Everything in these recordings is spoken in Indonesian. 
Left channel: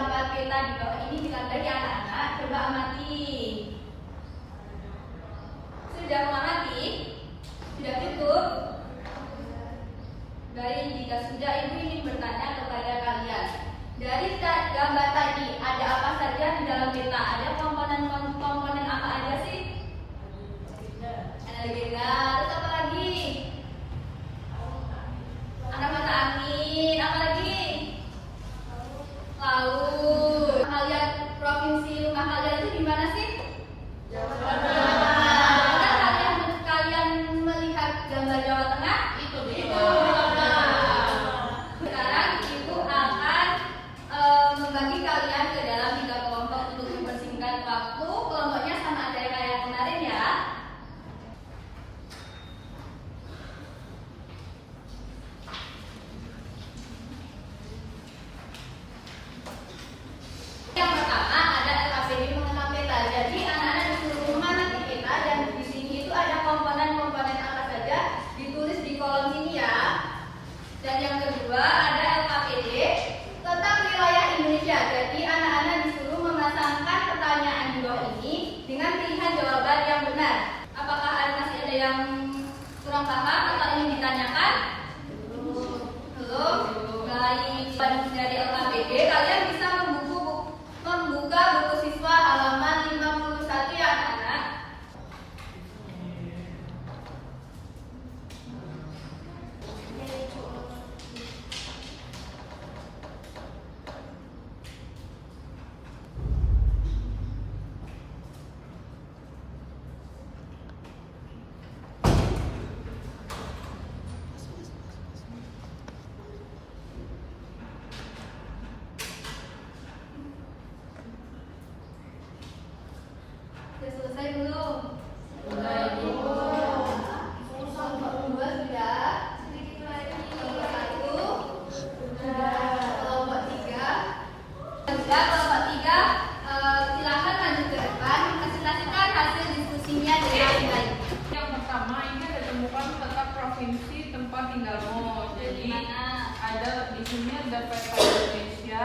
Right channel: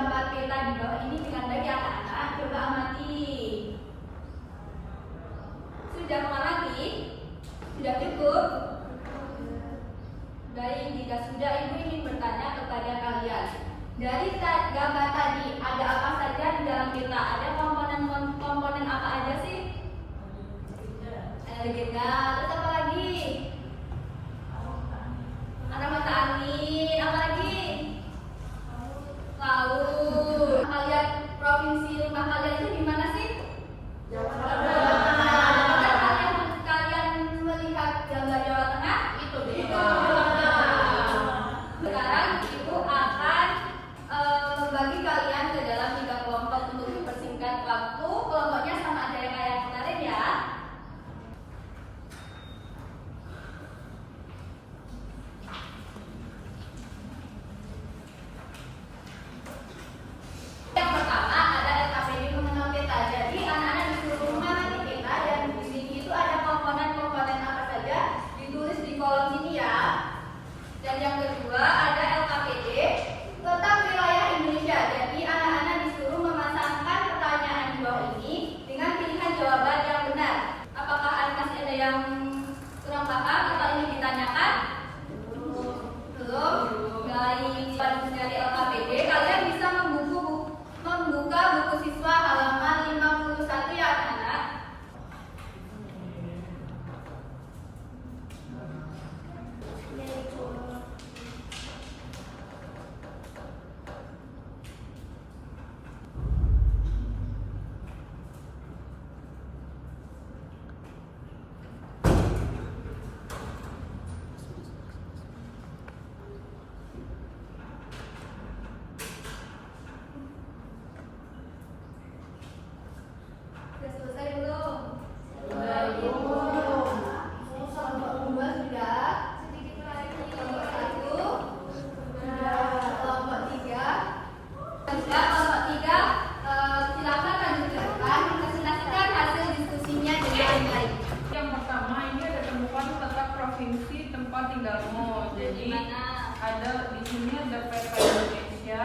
gambar peta di bawah ini dengan baik ya anak-anak? Coba amati. Sudah mengamati? Sudah cukup? Baik, jika sudah, Ibu ingin bertanya kepada kalian. Dari gambar tadi, ada apa saja di dalam peta? Ada komponen apa aja sih? Ada legenda, terus apa lagi? Arah mata angin, apa lagi? Laut. Kalian provinsi rumah kalian itu di mana sih? Jawa Tengah. Kalian melihat gambar Jawa Tengah? Itu di Jawa Tengah. Sekarang Ibu akan membagi kalian ke dalam 3 kelompok untuk dipersingkat waktu. Kelompoknya sama ada kayak kemarin ya. Yang pertama ada LKPD mengenal peta. Jadi anak-anak disuruh mengamati peta dan di sini itu ada komponen-komponen apa saja ditulis di kolom sini ya. Dan yang kedua ada LKPD tentang wilayah Indonesia. Jadi anak-anak disuruh memasangkan pertanyaan di bawah ini dengan pilihan jawaban yang benar. Apakah anak masih ada yang kurang paham atau ingin ditanyakan? Belum. Baik, dari LKPD kalian bisa membuka buku siswa halaman 51 ya anak-anak. Sudah selesai belum? Belum. Kelompok 2 sudah. Sedikit lagi. Kelompok 1 sudah. Kelompok 3 sudah. Kelompok 3 silakan lanjut ke depan. Presentasikan hasil diskusinya dengan baik. Yang pertama ini ada temukan letak provinsi tempat tinggalmu. Jadi ada di sini ada peta Indonesia.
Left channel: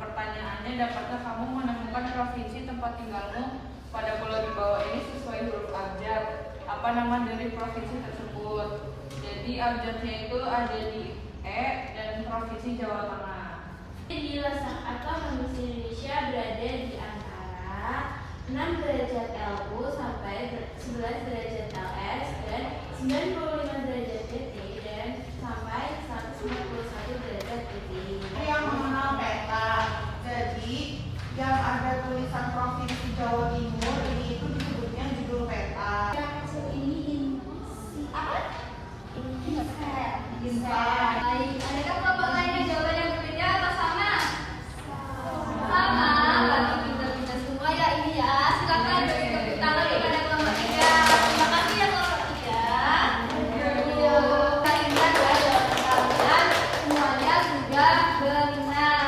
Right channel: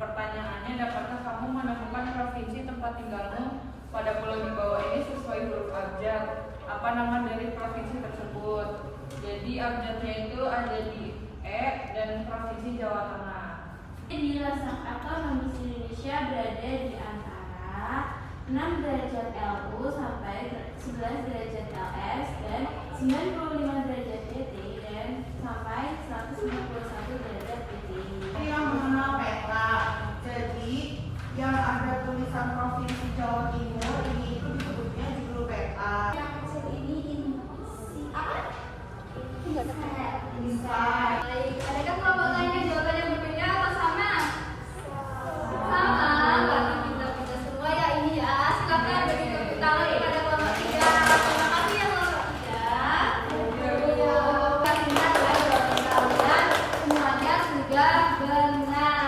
Pertanyaannya, dapatkah kamu menemukan provinsi tempat tinggalmu pada pulau di bawah ini sesuai huruf abjad? Apa nama dari provinsi tersebut? Jadi abjadnya itu ada di E dan provinsi Jawa Tengah. Di letak atau lambung Indonesia berada di antara 6 derajat LU sampai 11 derajat LS dan 95 derajat DT dan sampai 191 derajat DT. Yang mengenal peta, jadi yang ada tulisan provinsi Jawa Timur ini itu disebutnya judul peta. Yang hasil ini apa? Bisa. Baik, adakah kelompok lain yang jawabannya berbeda atau sama? Sama. Bagi pintar-pintar semua ya ini ya. Silakan beri tepuk tangan kepada kelompok 3. Terima kasih ya kelompok 3. Kali ini adalah jawaban kalian semuanya sudah benar.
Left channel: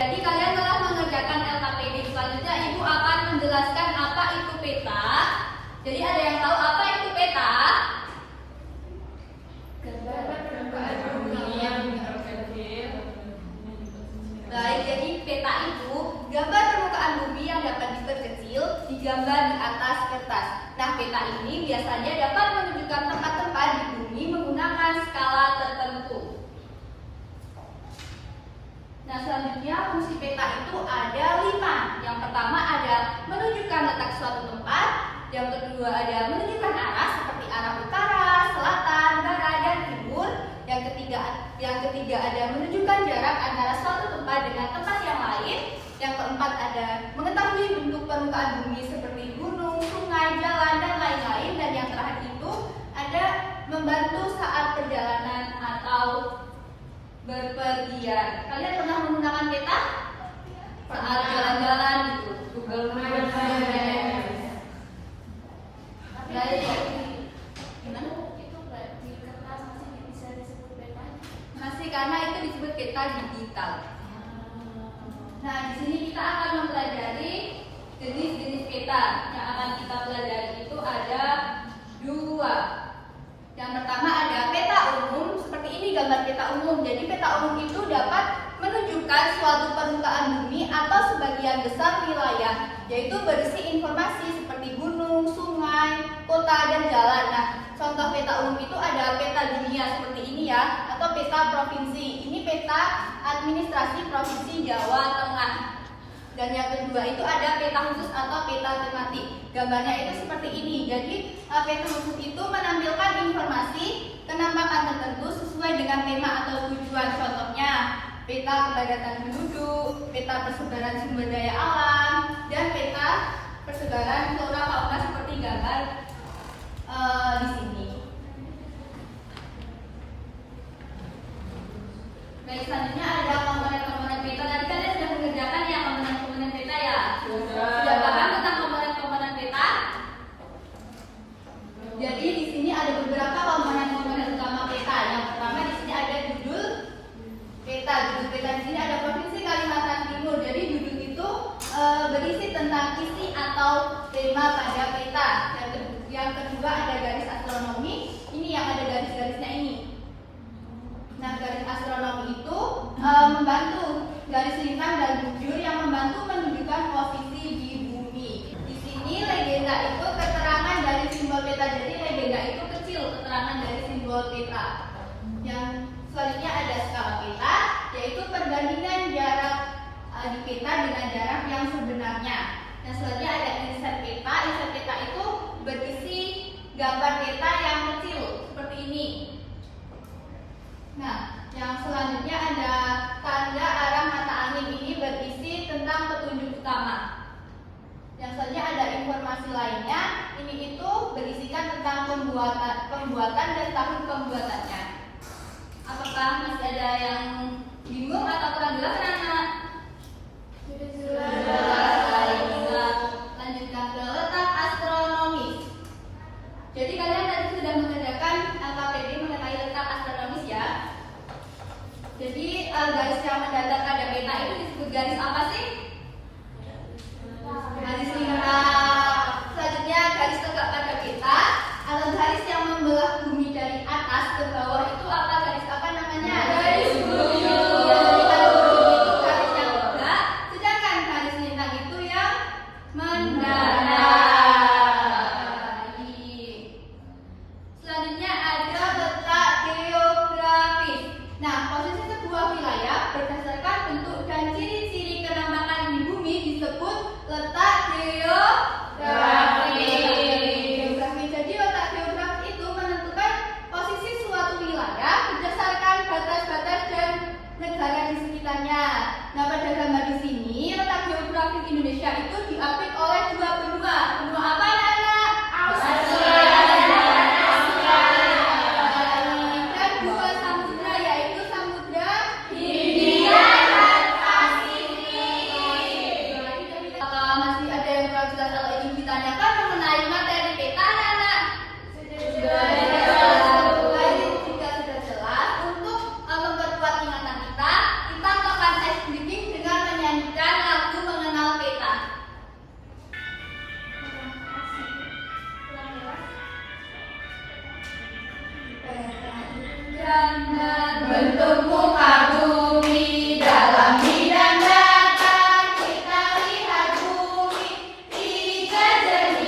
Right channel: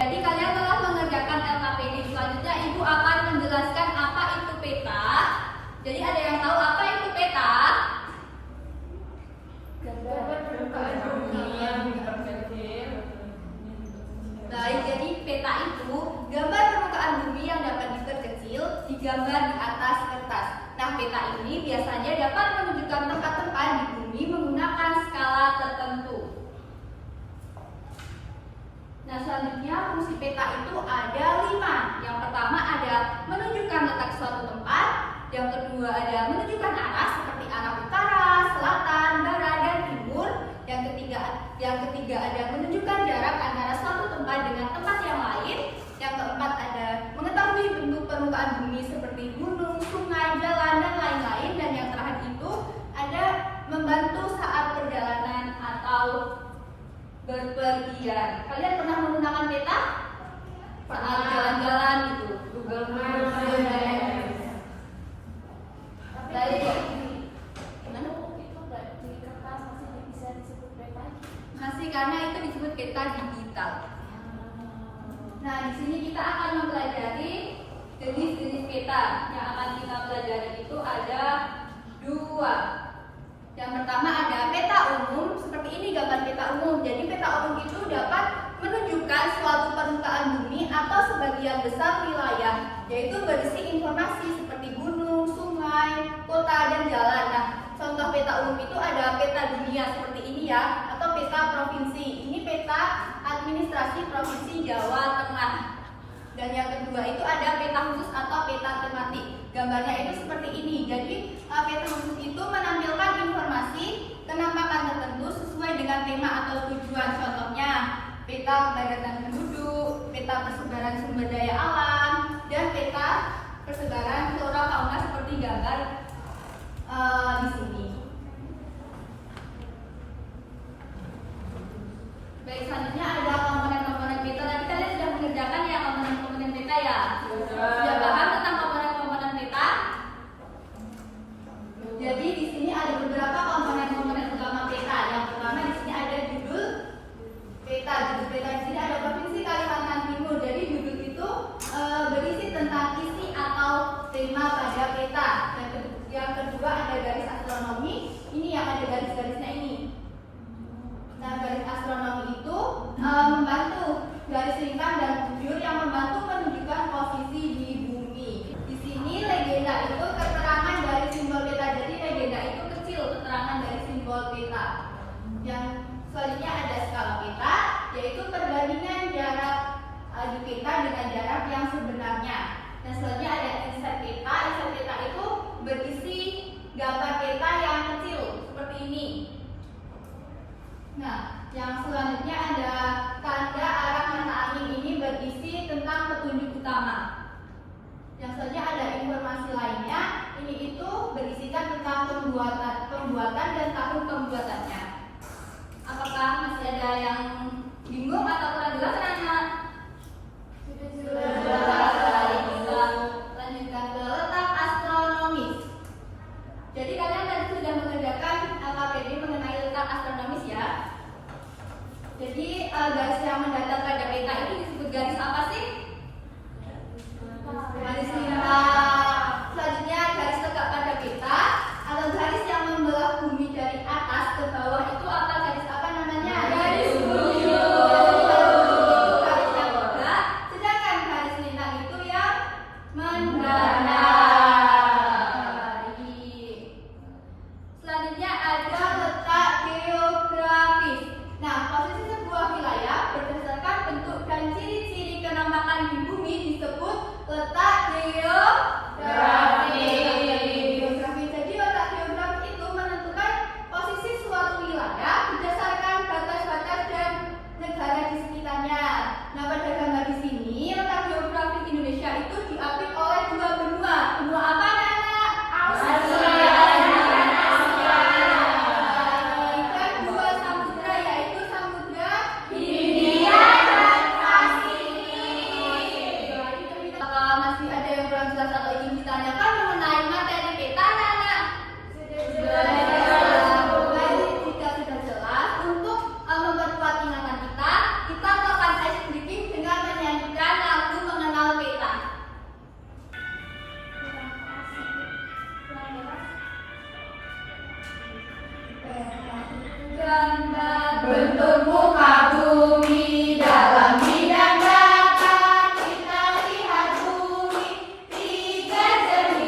Jadi kalian telah mengerjakan LKPD. Selanjutnya Ibu akan menjelaskan apa itu peta. Jadi ada yang tahu apa itu peta? Baik, jadi peta itu gambar permukaan bumi yang dapat diperkecil digambar di atas kertas. Nah, peta ini biasanya dapat menunjukkan tempat-tempat di bumi menggunakan skala tertentu. Nah, selanjutnya fungsi peta itu ada 5. Yang pertama ada menunjukkan letak suatu tempat. Yang kedua ada menunjukkan arah seperti arah utara, selatan, barat, dan timur. Yang ketiga ada menunjukkan jarak antara suatu tempat dengan tempat yang lain. Yang keempat ada mengetahui bentuk permukaan bumi seperti gunung, sungai, jalan, dan lain-lain. Dan yang terakhir itu ada membantu saat perjalanan atau berpergian. Kalian pernah menggunakan peta? Saat jalan-jalan gitu, Google Maps. Baik. Gimana? Itu nggak di kertas masih bisa disebut peta? Masih, karena itu disebut peta digital. Nah, di sini kita akan mempelajari jenis-jenis peta. Yang akan kita pelajari itu ada 2. Yang pertama ada peta umum. Seperti ini gambar peta umum. Jadi peta umum itu dapat menunjukkan suatu permukaan bumi atau sebagian besar wilayah, yaitu berisi informasi seperti gunung, sungai, kota, dan jalan. Nah, contoh peta umum itu ada peta dunia seperti ini ya, atau peta provinsi. Ini peta administrasi Provinsi Jawa Tengah. Dan yang kedua itu ada peta khusus atau peta tematik. Gambarnya itu seperti ini. Jadi peta khusus itu menampilkan informasi penampakan tertentu sesuai dengan tema atau tujuan. Contohnya peta kepadatan penduduk, peta persebaran sumber daya alam, dan peta persebaran flora fauna seperti gambar di sini. Baik, selanjutnya ada komponen-komponen peta. Tadi kalian sudah mengerjakan ya komponen-komponen peta ya? Sudah paham tentang komponen-komponen peta? Jadi di sini ada beberapa komponen-komponen utama peta. Yang pertama di sini ada judul peta. Judul peta di sini ada Provinsi Kalimantan Timur. Jadi judul itu berisi tentang isi atau tema pada peta. Yang kedua ada garis astronomi. Ini yang ada garis-garisnya ini. Nah, garis astronomi itu membantu garis lintang dan bujur yang membantu menunjukkan posisi di bumi. Di sini legenda itu keterangan dari simbol peta. Jadi legenda itu kecil, keterangan dari simbol peta. Yang selanjutnya ada skala peta, yaitu perbandingan jarak di peta dengan jarak yang sebenarnya. Dan selanjutnya ada inset peta. Inset peta itu berisi gambar peta yang kecil seperti ini. Nah, yang selanjutnya ada tanda arah mata angin. Ini berisi tentang petunjuk utama. Yang selanjutnya ada informasi lainnya. Ini itu berisikan tentang pembuatan dan tahun pembuatannya. Apakah masih ada yang bingung atau kurang jelas, anak-anak? Sudah. Lanjutkan ke letak astronomis. Jadi kalian tadi sudah mengerjakan KPD mengenai letak astronomis ya. Jadi garis yang mendatar pada peta itu disebut garis apa sih? Garis lintang. Selanjutnya garis tegak pada peta atau garis yang membelah bumi dari atas ke bawah itu apa? Garis apa namanya? Garis bujur. Jadi garis bujur itu garis yang tegak, sedangkan garis lintang itu yang mendatar. Selanjutnya ada letak geografis. Nah, posisi sebuah wilayah berdasarkan bentuk dan ciri-ciri penampakan di bumi disebut letak geografis. Jadi letak geografis itu menentukan posisi suatu wilayah berdasarkan batas-batas dan negara di sekitarnya. Nah, pada gambar di sini letak geografis Indonesia itu diapit oleh dua benua. Benua apa, anak-anak? Australia. Bentuk muka bumi dalam bidang data, kita lihat bumi tiga jenis.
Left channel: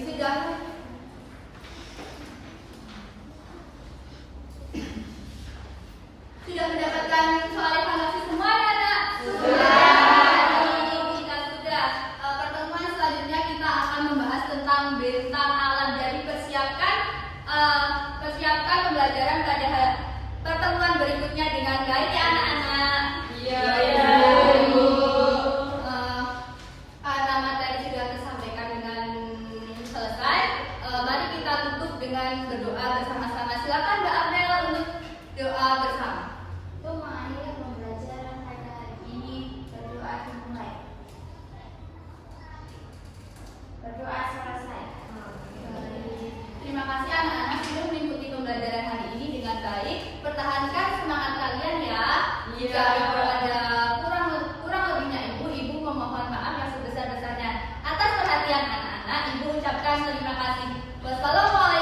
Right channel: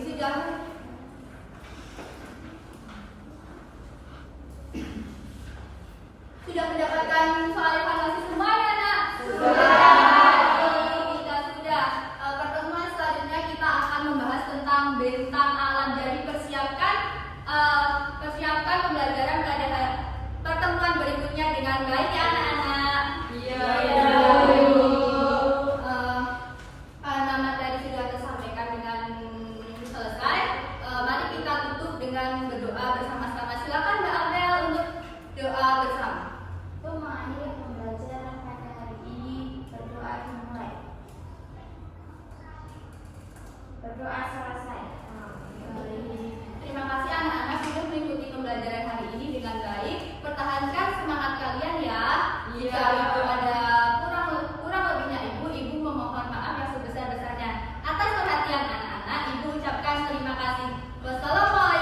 sudah mendapatkan soal evaluasi semuanya, Nak? Kita sudah. Pertemuan selanjutnya kita akan membahas tentang bentang alam. Jadi persiapkan pembelajaran pada pertemuan berikutnya dengan baik ya anak-anak. Iya. Nama tadi sudah tersampaikan dengan selesai. Mari kita tutup dengan berdoa bersama-sama. Silakan Mbak Amel untuk doa bersama. Untuk mengakhiri pembelajaran pada hari ini, berdoa dimulai. Berdoa selesai. Terima kasih anak-anak sudah mengikuti pembelajaran hari ini dengan baik. Pertahankan semangat kalian ya. Jika ibu ada kurang lebihnya ibu memohon maaf yang sebesar-besarnya. Atas perhatian anak-anak, ibu ucapkan terima kasih. Wassalamualaikum.